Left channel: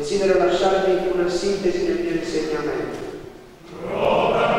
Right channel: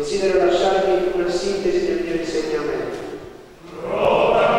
Desidero lasciarvi una sintesi del mio insegnamento. Ora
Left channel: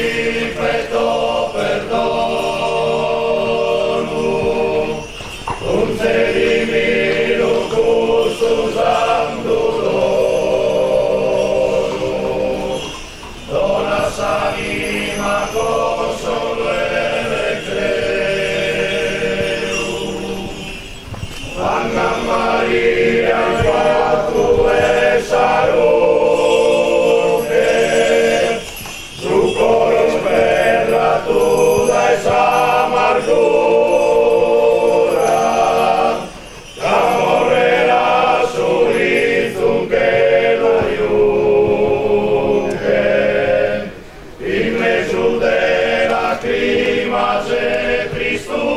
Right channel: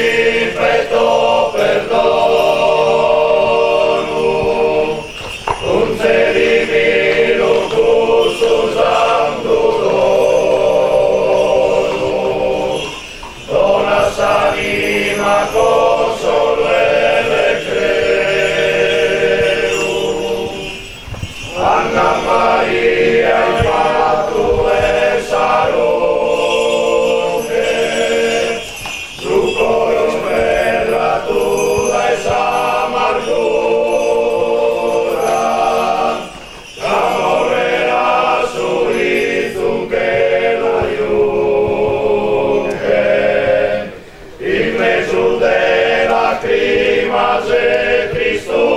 perfetto perdono, concedimi lo gusto santo dono, dona s'anima consolo e recreo, Anna Maria il fatto e salute, succoros per la tua amargura, amore la solitudine che l'aiute, in mezzo della crima c'è Cristona,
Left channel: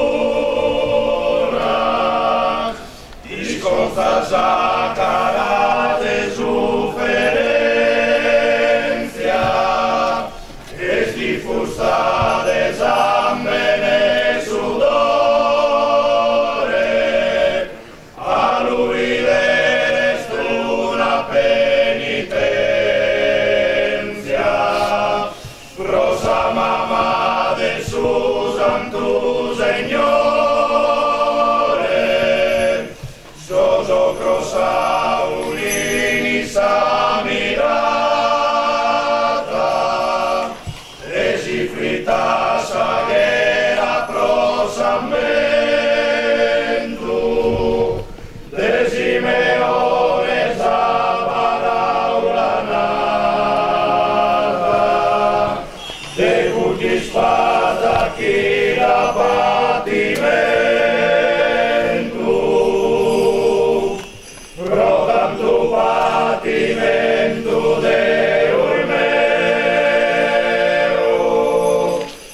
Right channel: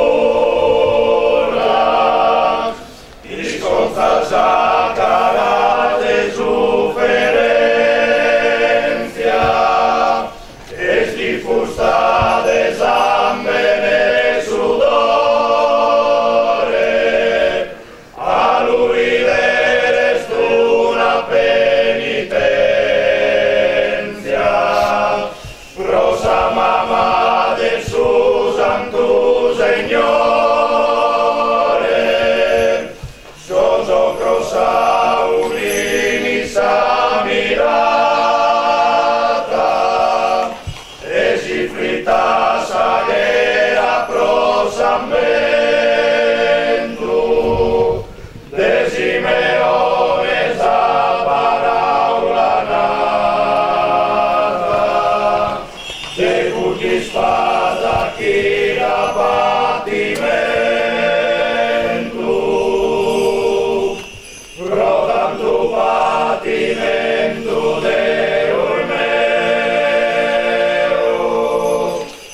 disconza sacara de sufferencia, es difusa de sambene sudore, a lui deres una penitenza, prosa mamma del su santo Signore, soso crossa un'inisa mirata, e si fritta saghera prosamento, de Simeone sa paraula nata, de cuti spada chi la patimento, pro tanto patimento Deo meo,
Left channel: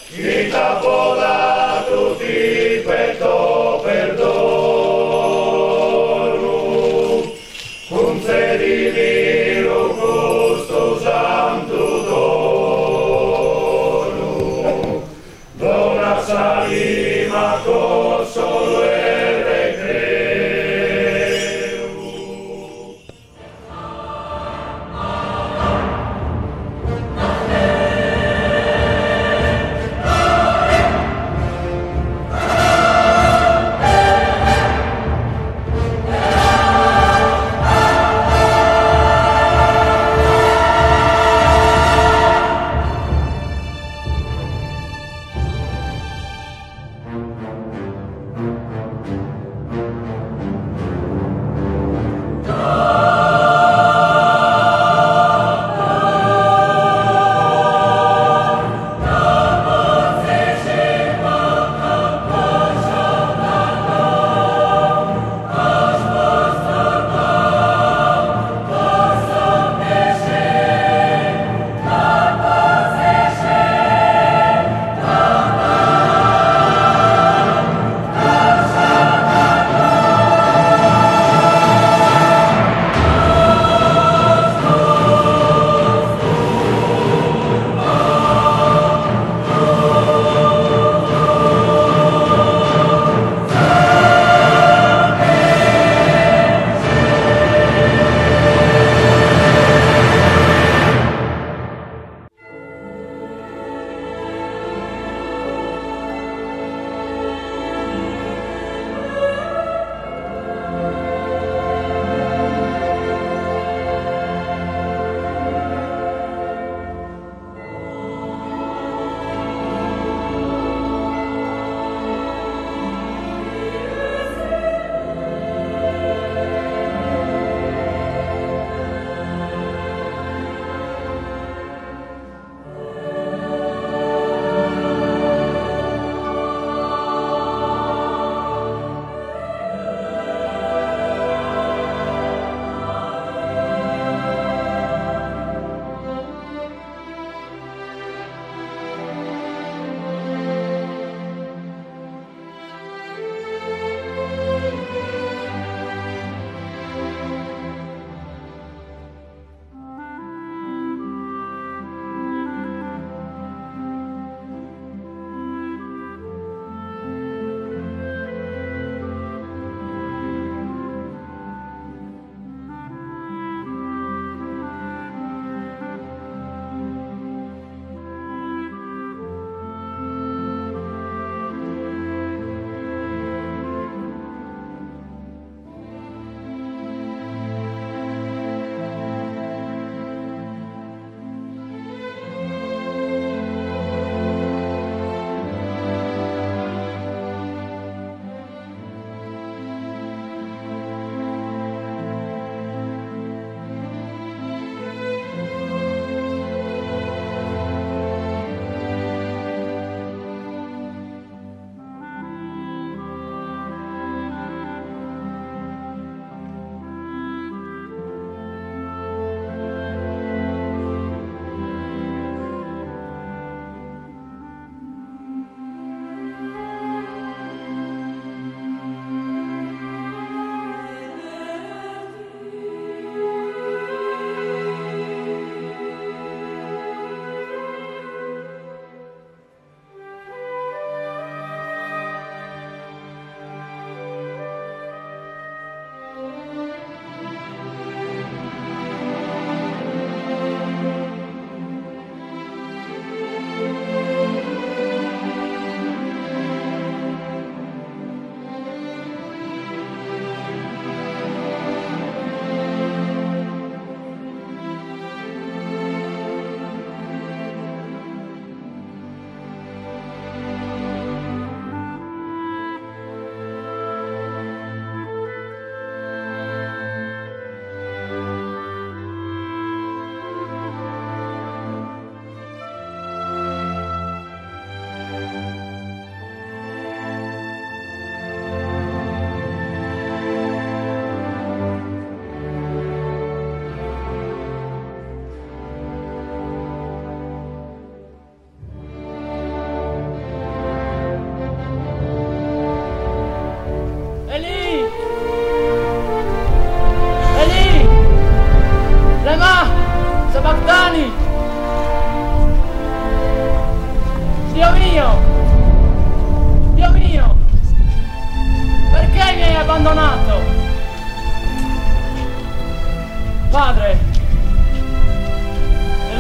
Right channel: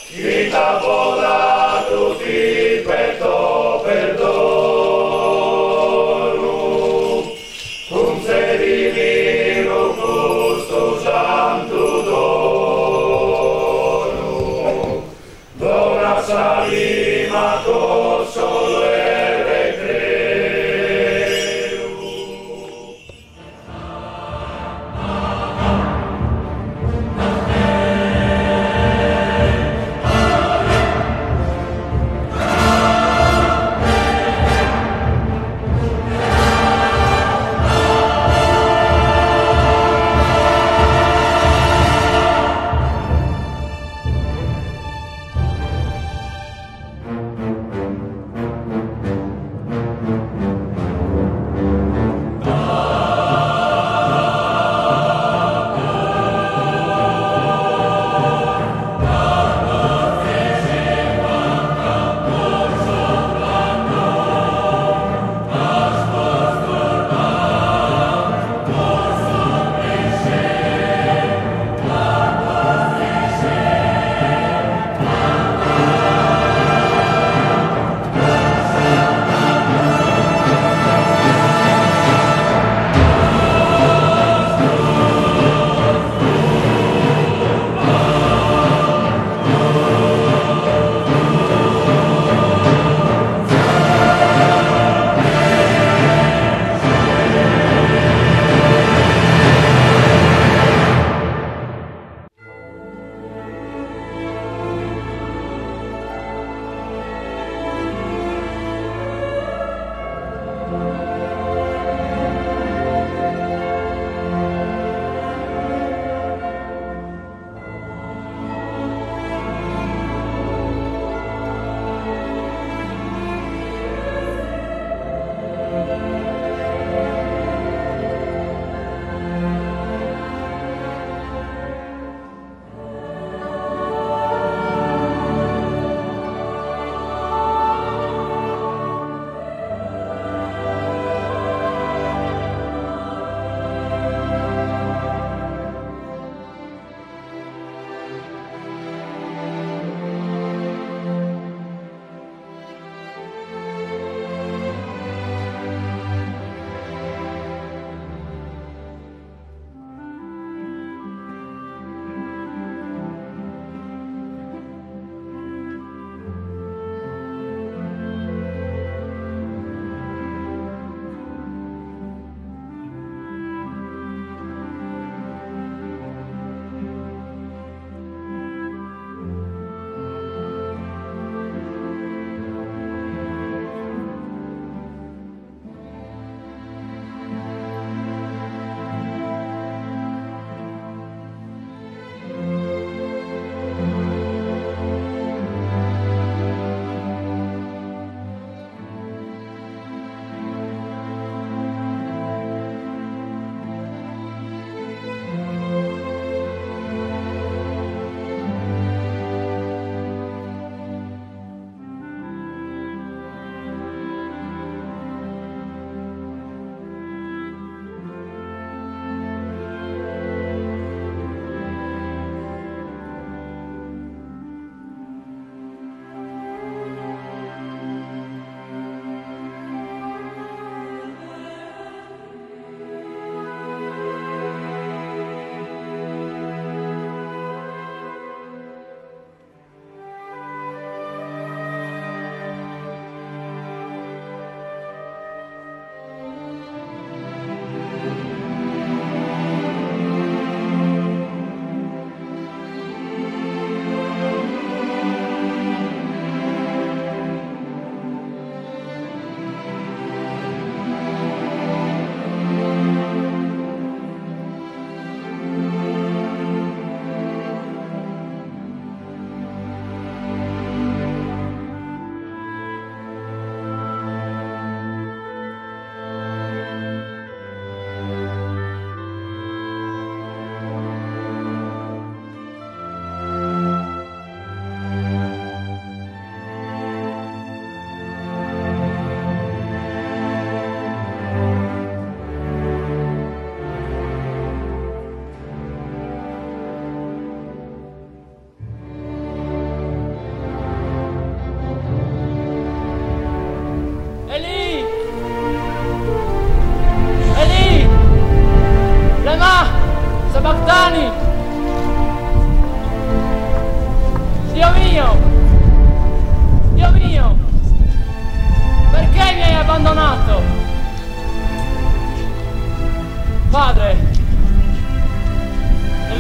chi t'ha podato ti perdo perdono, concedimi lo gusto santo dono, dona salima con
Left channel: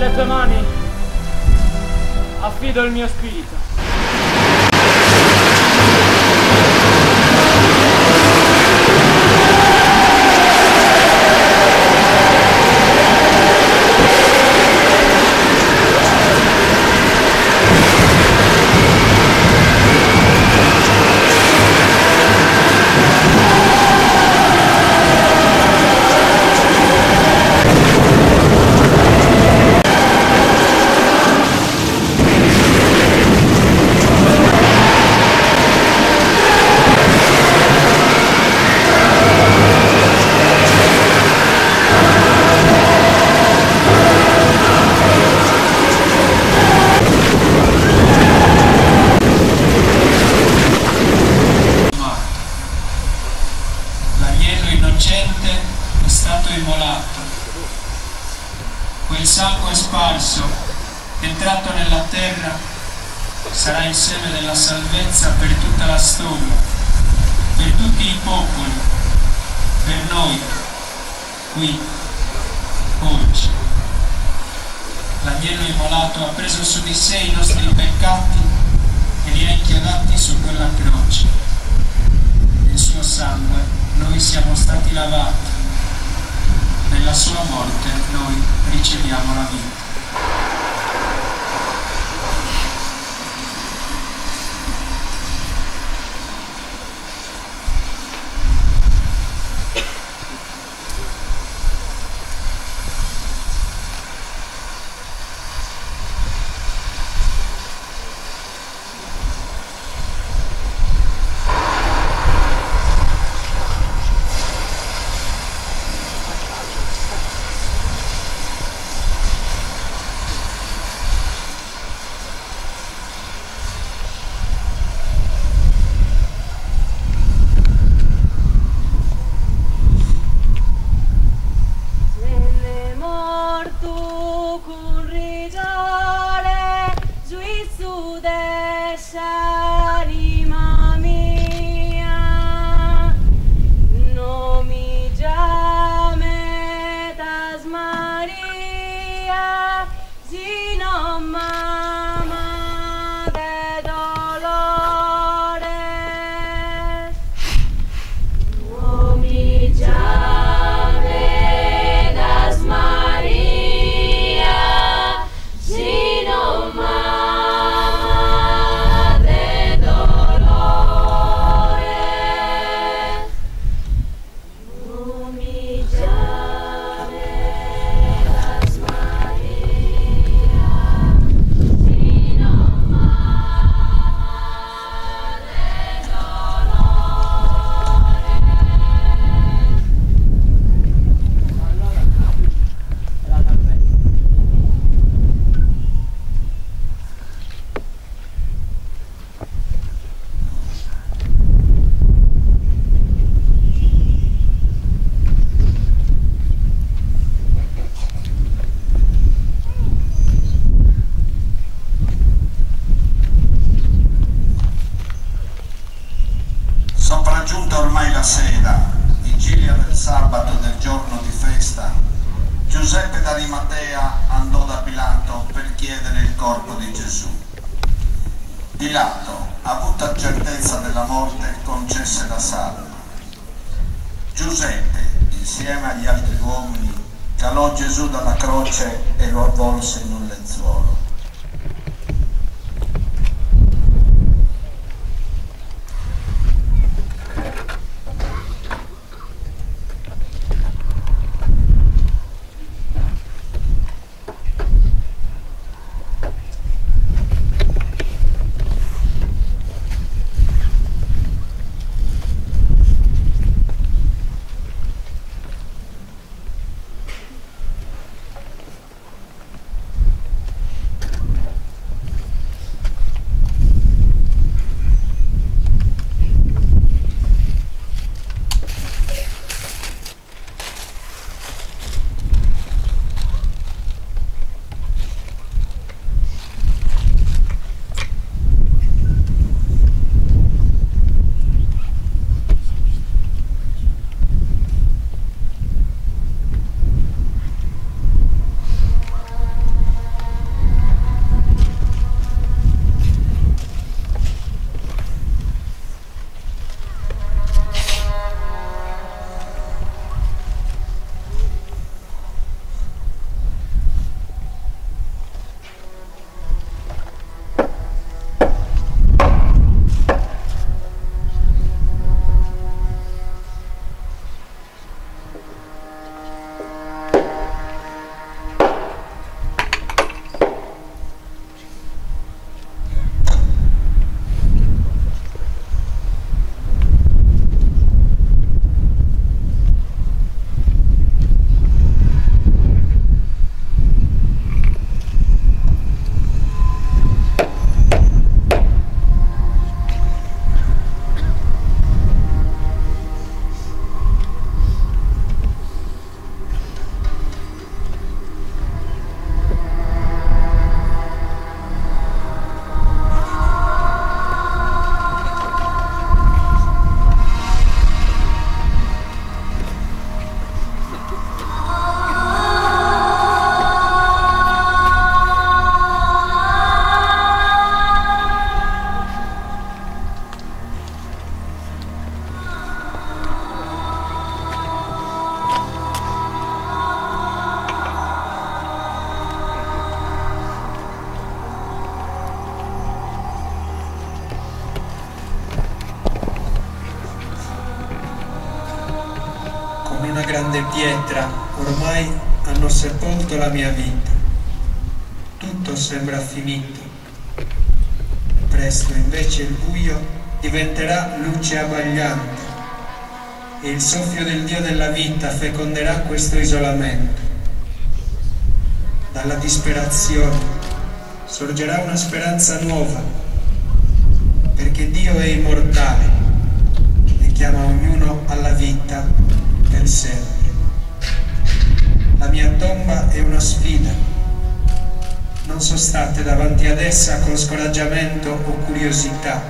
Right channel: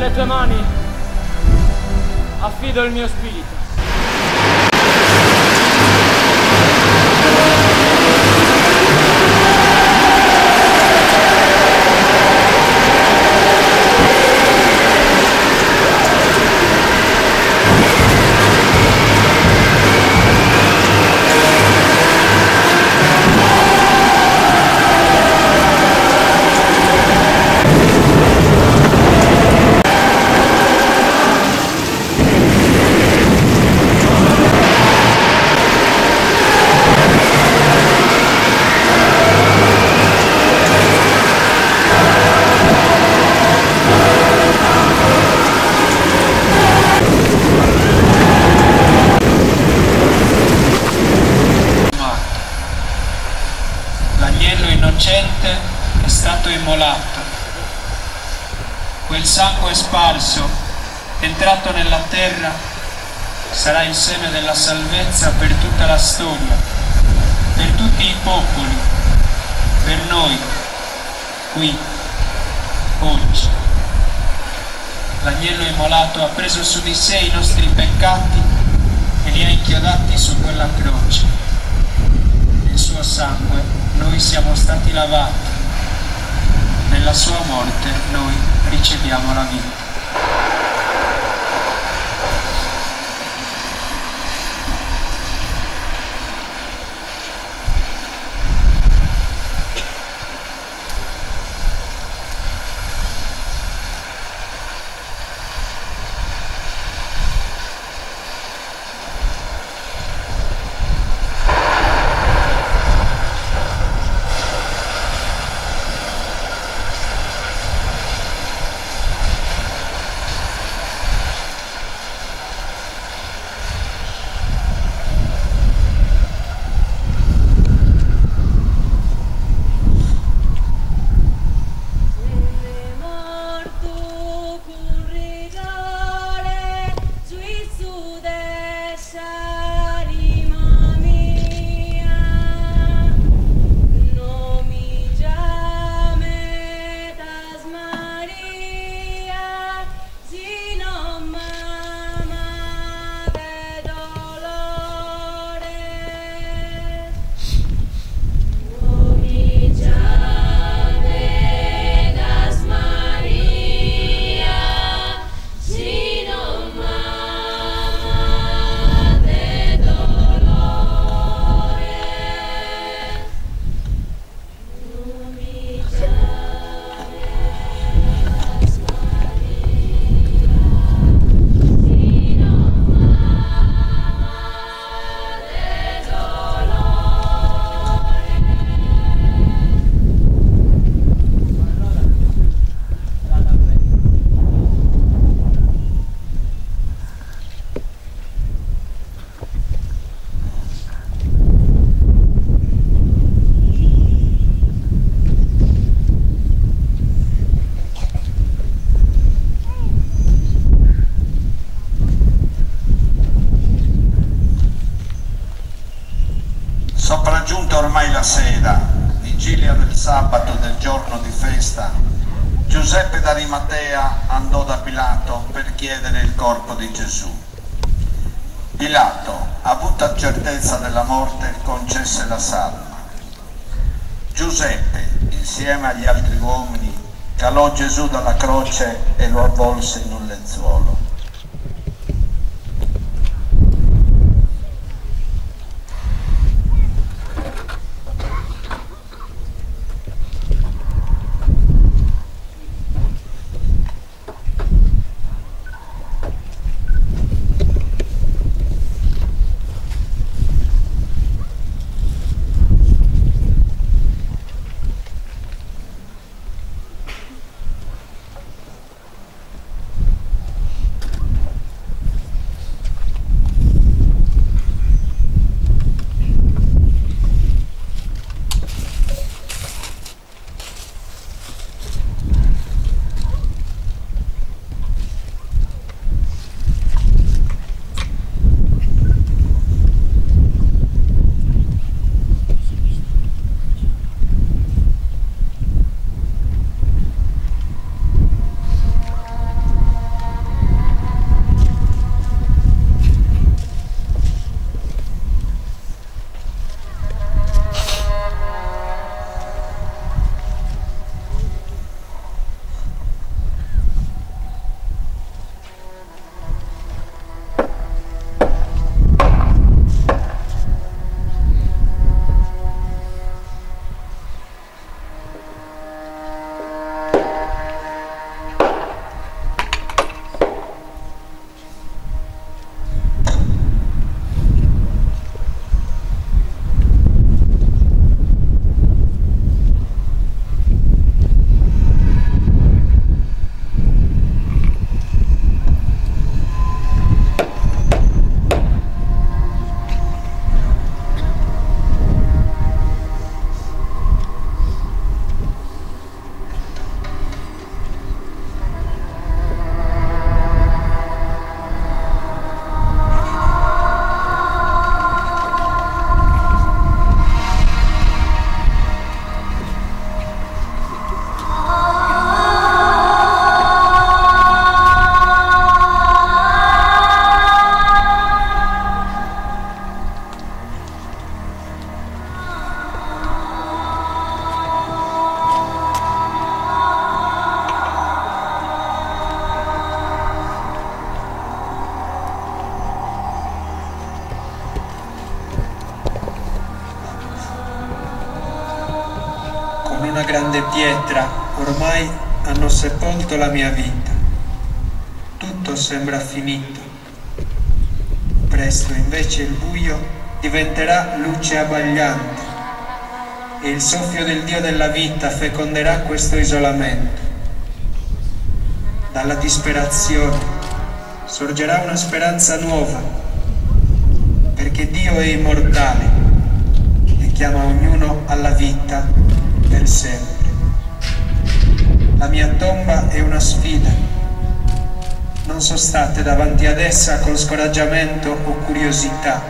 nelle tue mani affido il mio spirito. È stato immolato. Quel sangue sparso, entrato nella terra, sarà il seme della salvezza per tutta la storia, per tutti i popoli, per noi, qui, oggi. L'agnello immolato ha preso su di sé i nostri peccati e li ha inchiodati su quella croce. Nel suo sangue noi siamo stati lavati. Nella sua morte noi riceviamo la vita. Sopraggiunta ormai la sera, vigilia del sabato del giorno di festa, Giuseppe d'Arimatea andò da Pilato per chiedere il corpo di Gesù. Pilato, avuta certezza della morte, concesse la salma. Giuseppe, insieme agli altri uomini, calò Gesù dalla croce e lo avvolse in un lenzuolo. una grande pietra ormai hanno sepolto la mia vita. Tutto sembra finito. Presto invece il buio diventerà luce abbagliante e il soffio del Dio della vita feconderà questo isolamento. Dalla disperazione sorgerà una speranza nuova, perché Dio è immortale e chiama ognuno alla vita per sempre. La mia tomba è una sfida. Non sostate davanti ad essa con scoraggiamento o curiosità.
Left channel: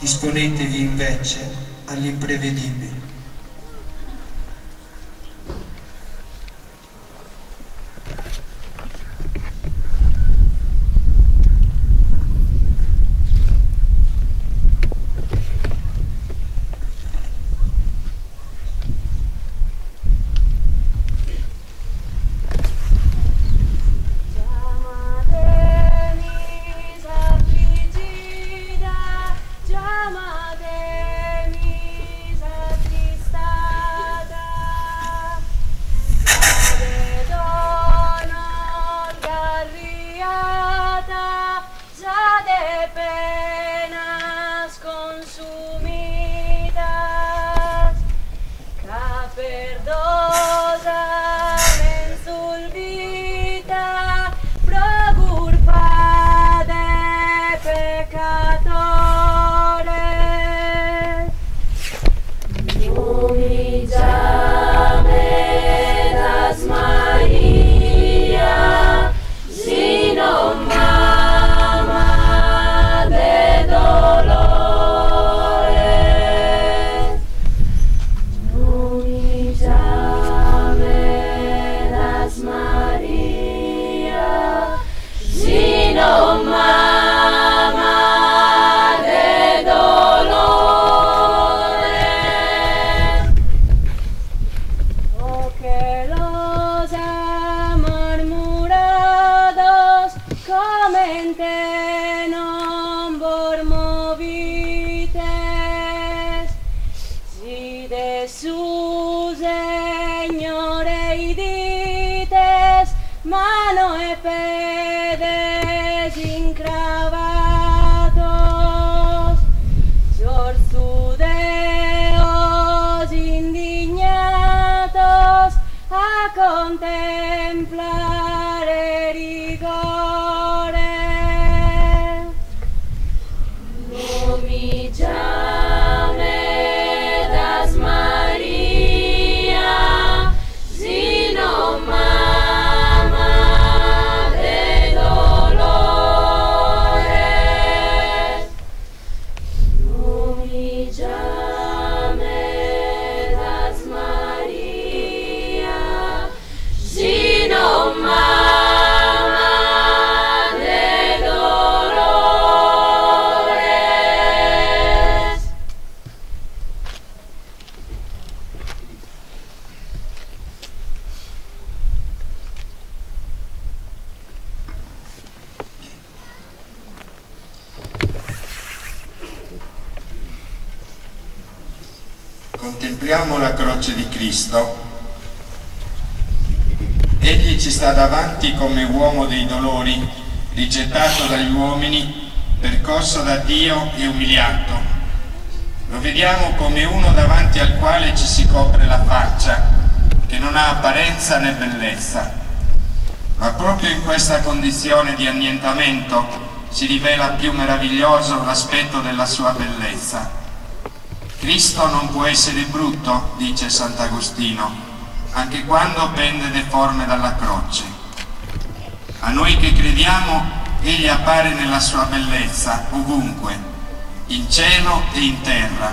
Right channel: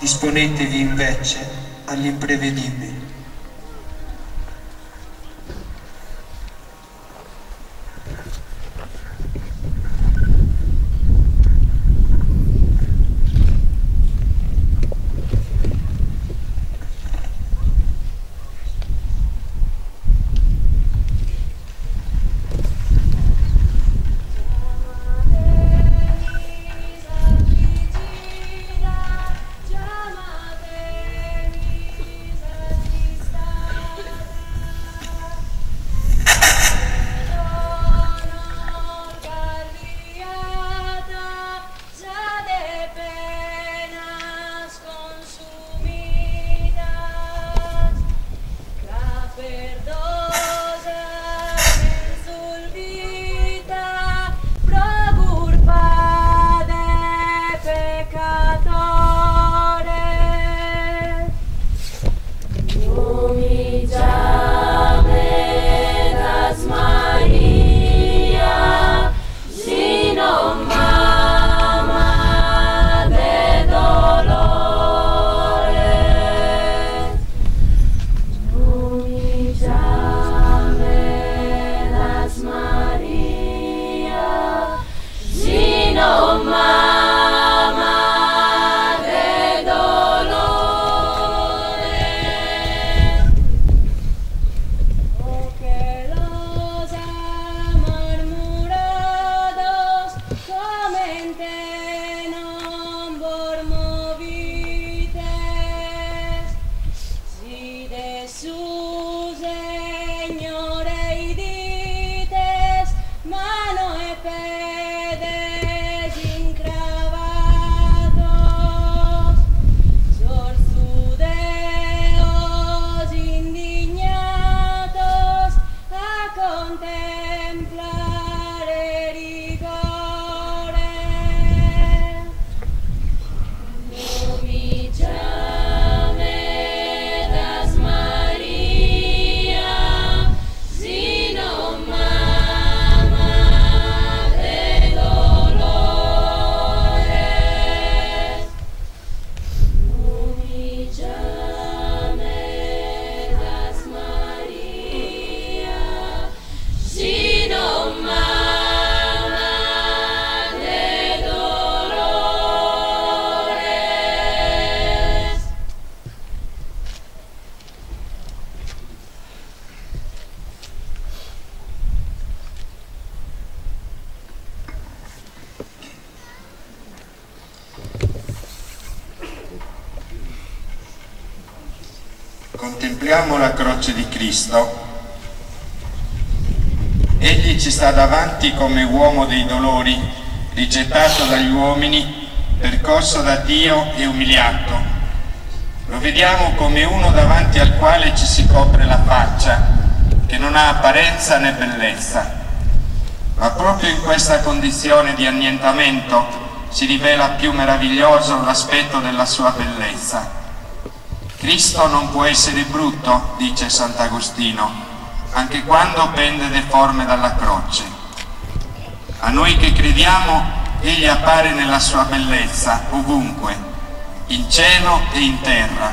Disponetevi invece all'imprevedibile. Contempliamo la croce di Cristo. Egli ci sta davanti come uomo dei dolori, rigettato dagli uomini, percosso da Dio e umiliato. Lo vediamo come uno davanti al quale ci si copre la faccia, che non ha apparenza né bellezza. Ma proprio in questa condizione di annientamento si rivela più meraviglioso l'aspetto della sua bellezza. Cristo non può essere brutto, dice Sant'Agostino, anche quando pende deforme dalla croce. A noi che crediamo, egli appare nella sua bellezza ovunque, in cielo e in terra,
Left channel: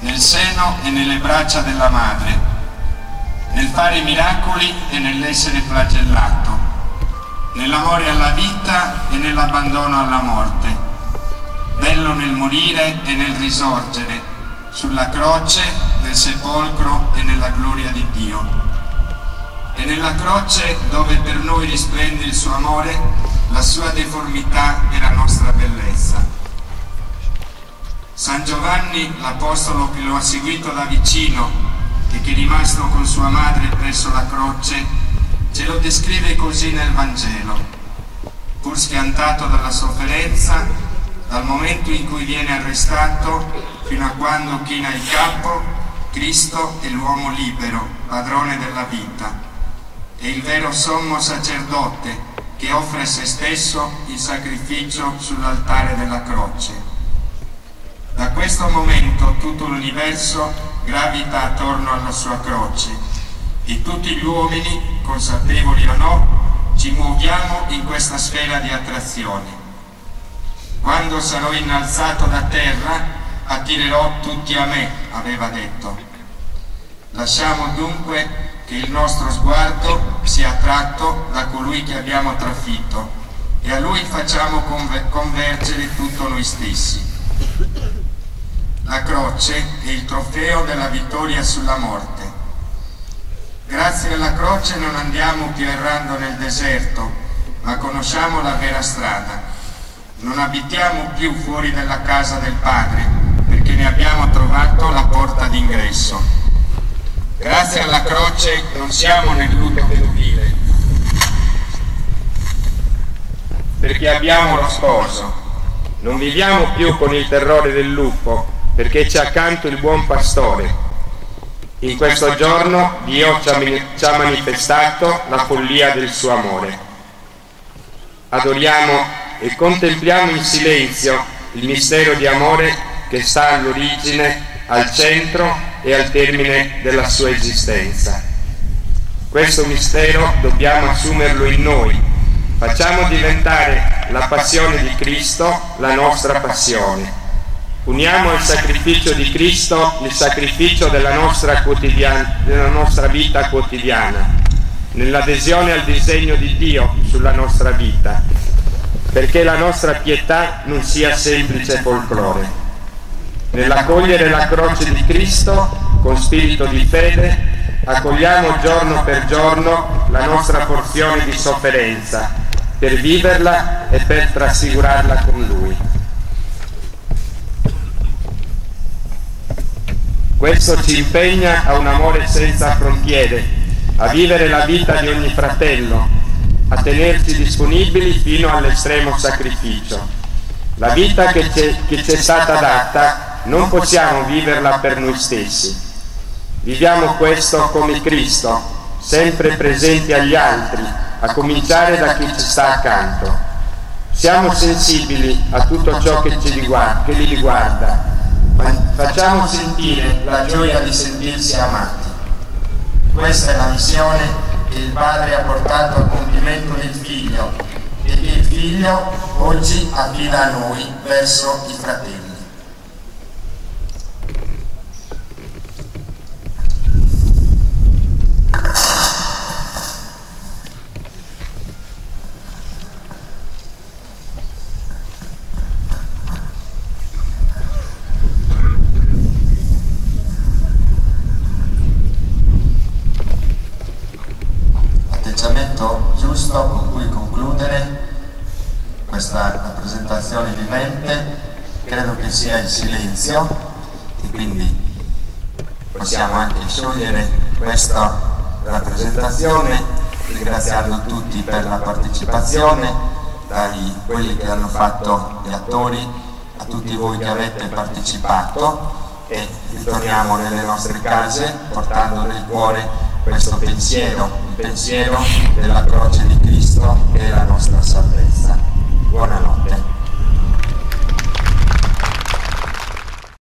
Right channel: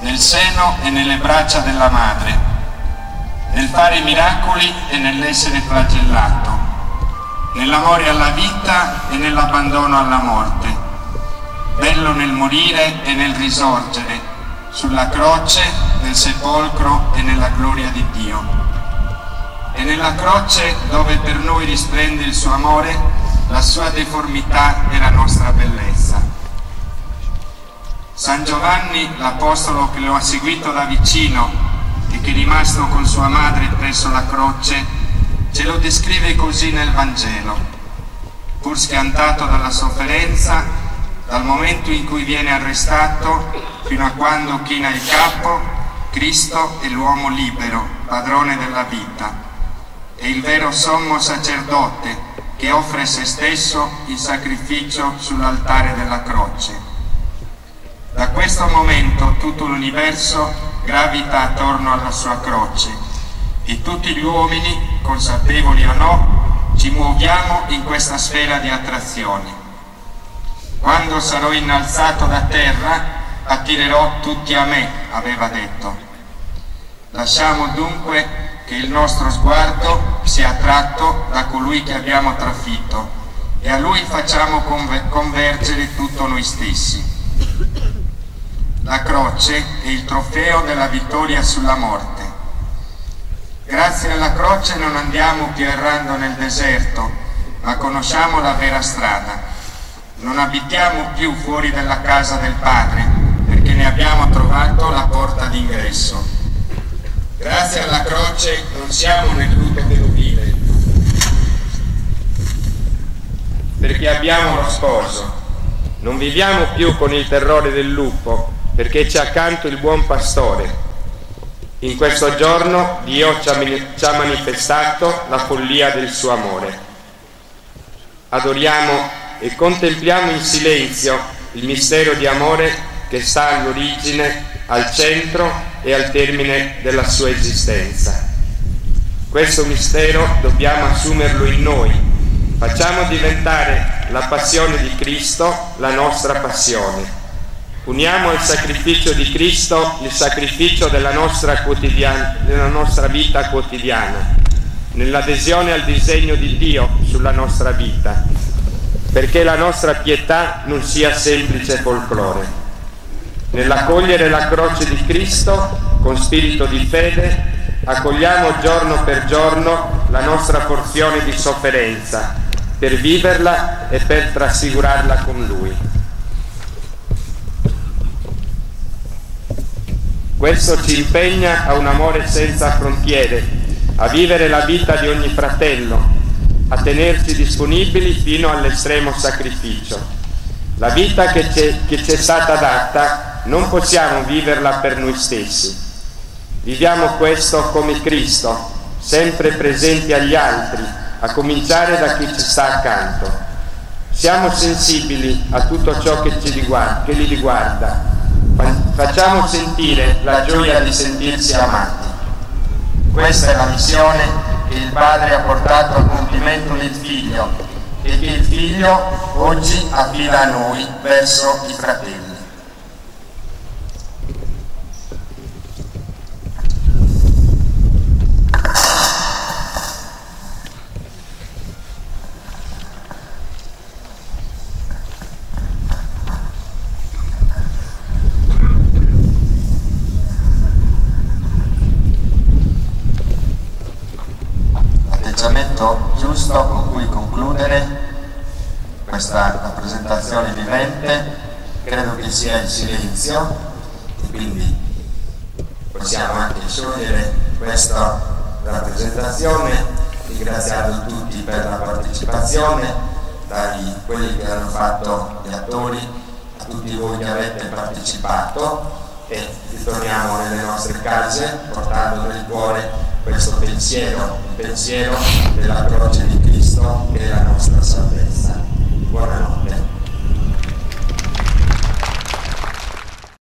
nel seno e nelle braccia della madre, nel fare miracoli e nell'essere flagellato, nell'amore alla vita e nell'abbandono alla morte, bello nel morire e nel risorgere, sulla croce, nel sepolcro e nella gloria di Dio. E nella croce, dove per noi risplende il suo amore, la sua deformità e la nostra bellezza. San Giovanni, l'apostolo che lo ha seguito da vicino e che, rimasto con sua madre presso la croce, ce lo descrive così nel Vangelo: pur schiantato dalla sofferenza, dal momento in cui viene arrestato fino a quando china il capo, Cristo è l'uomo libero, padrone della vita, è il vero sommo sacerdote che offre se stesso in sacrificio sull'altare della croce. Da questo momento tutto l'universo gravita attorno alla sua croce e tutti gli uomini, consapevoli o no, ci muoviamo in questa sfera di attrazione. Quando sarò innalzato da terra, attirerò tutti a me, aveva detto. Lasciamo dunque che il nostro sguardo sia attratto da colui che abbiamo trafitto e a lui facciamo convergere tutto noi stessi. La croce è il trofeo della vittoria sulla morte. Grazie alla croce non andiamo più errando nel deserto, ma conosciamo la vera strada. Non abitiamo più fuori dalla casa del Padre, perché ne abbiamo trovato la porta d'ingresso. Grazie alla croce non siamo nel lutto vedovile, perché abbiamo lo sposo. Non viviamo più con il terrore del lupo, perché c'è accanto il buon pastore. In questo giorno Dio ci ha manifestato la follia del suo amore. Adoriamo e contempliamo in silenzio il mistero di amore che sta all'origine, al centro e al termine della sua esistenza. Questo mistero dobbiamo assumerlo in noi. Facciamo diventare la passione di Cristo la nostra passione. Uniamo al sacrificio di Cristo il sacrificio della nostra vita quotidiana, nell'adesione al disegno di Dio sulla nostra vita, perché la nostra pietà non sia semplice folklore. Nell'accogliere la croce di Cristo con spirito di fede, accogliamo giorno per giorno la nostra porzione di sofferenza, per viverla e per trasfigurarla con Lui. Questo ci impegna a un amore senza frontiere, a vivere la vita di ogni fratello, a tenerci disponibili fino all'estremo sacrificio. La vita che ci è stata data non possiamo viverla per noi stessi. Viviamo questo come Cristo, sempre presenti agli altri, a cominciare da chi ci sta accanto. Siamo sensibili a tutto ciò che li riguarda. Facciamo sentire la gioia di sentirsi amati. Questa è la missione che il Padre ha portato a compimento nel Figlio e che il Figlio oggi affida a noi verso i fratelli. Giusto con cui concludere questa rappresentazione vivente credo che sia il silenzio, e quindi possiamo anche sciogliere questa rappresentazione ringraziando tutti per la partecipazione, quelli che hanno fatto gli attori, a tutti voi che avete partecipato, e ritorniamo nelle nostre case portando nel cuore questo pensiero, il pensiero della croce di Cristo che è la nostra salvezza.